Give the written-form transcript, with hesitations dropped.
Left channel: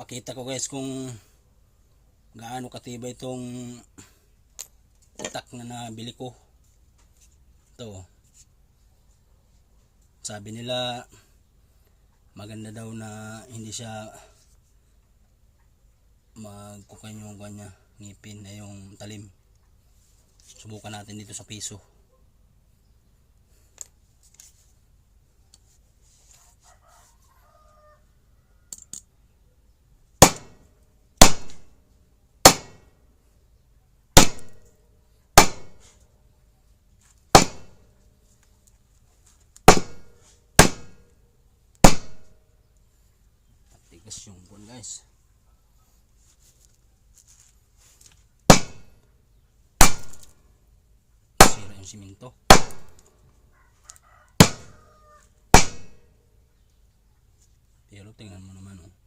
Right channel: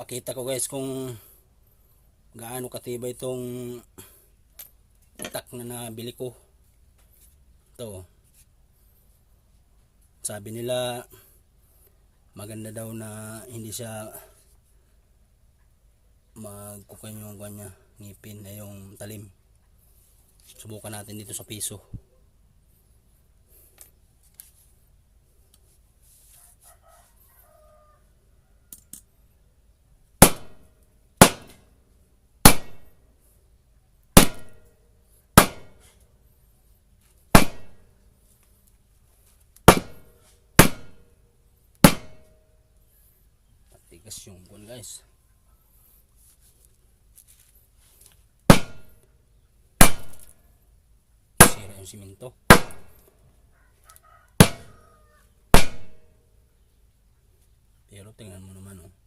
Pakita ko guys kung gaano katibay itong itak na nabili ko. Ito, sabi nila maganda daw na hindi siya magkukan yung kanya ngipin na yung talim. Subukan natin dito sa piso. Tigas yung kun guys. Sira yung simento. Pero tingnan mo naman oh.